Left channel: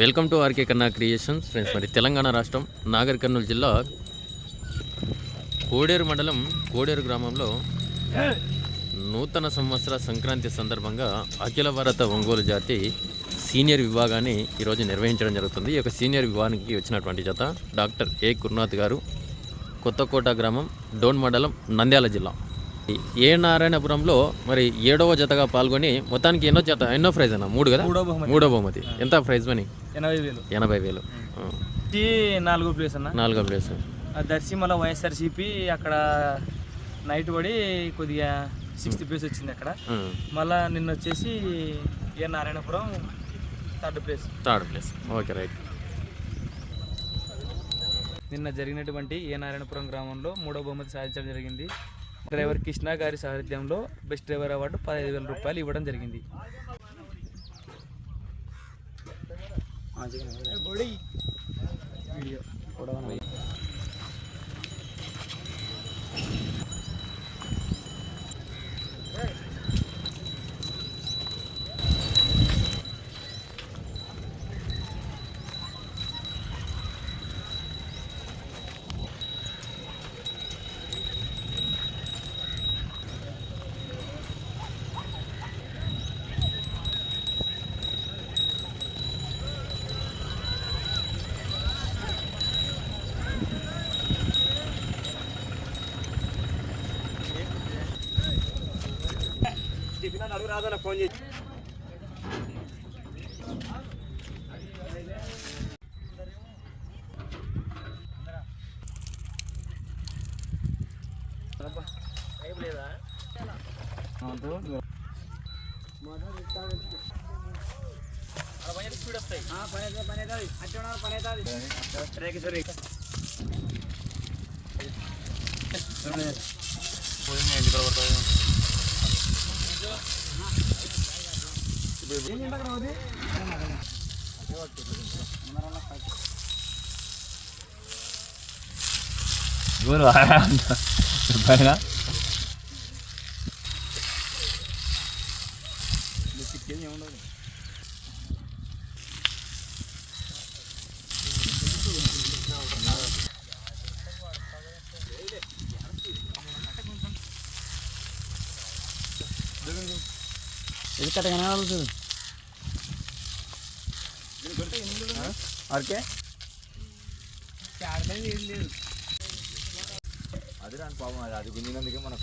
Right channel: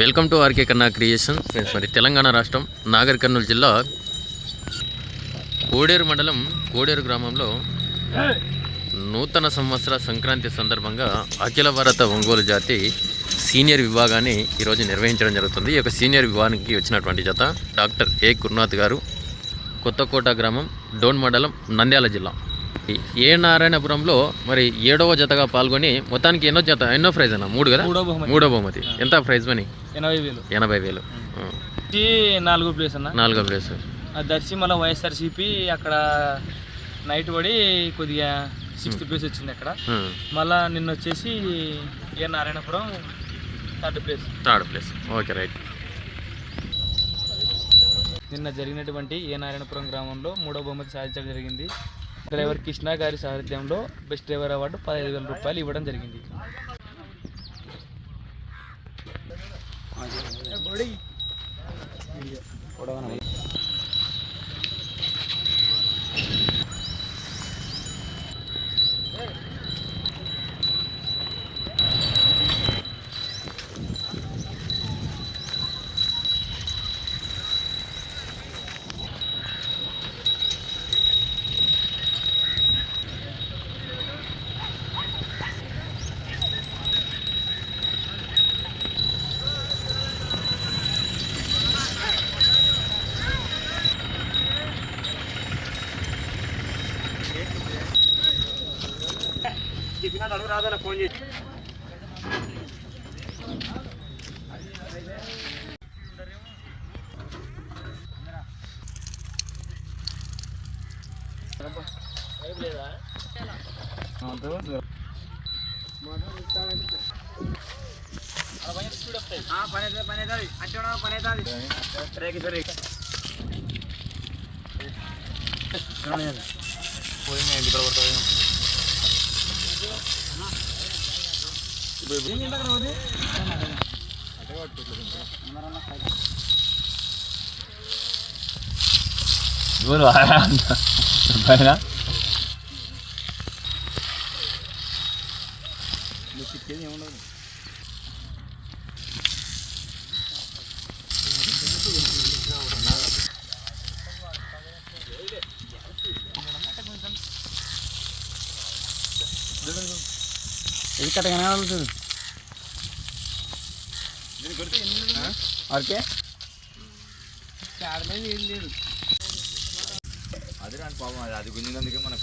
Welcome to RK కన్నా creation friends. మరి తెలంగాణ రాష్ట్రం నాగర్ కర్నూలు జిల్లా కోడేరు మండలం కోడేరు గ్రామంలో నూతన సంవత్సర సంక్రాంతి సందర్భంగా అఖిల భారత ఒంగోలు జాతి సీనియర్ విభాగాన్ని ఈరోజు నిర్వహించడం జరుగుతుంది. ఈ యొక్క సీనియర్ విభాగానికి వచ్చినటువంటి జత డాక్టర్ ఏ గురునాథ్ గారు, కొత్తకోట గ్రామం, డోన్ మండలం, నంద్యాల జిల్లా. ఏ నారాయణపురంలో మరి 7వ జతగా పాల్గొని మొత్తానికి ఎన్నో ప్రైజ్ అన్న? 3 కదా, 3వ బహుమతి. ఎంత ప్రైజ్ మనీ? 80,000. 4వ ప్లేస్ అన్న. 4వ ప్లేస్ దర్శి మళ్ళీ వైఎస్ఆర్సీపీ అక్కడ నైట్ పడి కొద్దిగా 6th ప్లేస్ వచ్చింది అక్కడ. మళ్ళా నిన్న వచ్చేసి ఏ Narayanapuram 3rd place. Okay, right. నిన్న జరిగినటువంటి ఏ నారాయణపురం గ్రామంలో 3వ బహుమతి సాధించడం జరిగింది. డ్రైవర్ కృష్ణ గారి సారథ్యంలో బెస్ట్ డ్రైవర్ అవార్డు 15,000 రూపాయలు ఇవ్వడం జరిగింది. ఫోన్ చేసి పైన ఏముండదు. ఇది కట్టగానే వెళ్తుంది. ఓకే, అది రాని పాపం, అది గుంజినందుకే మన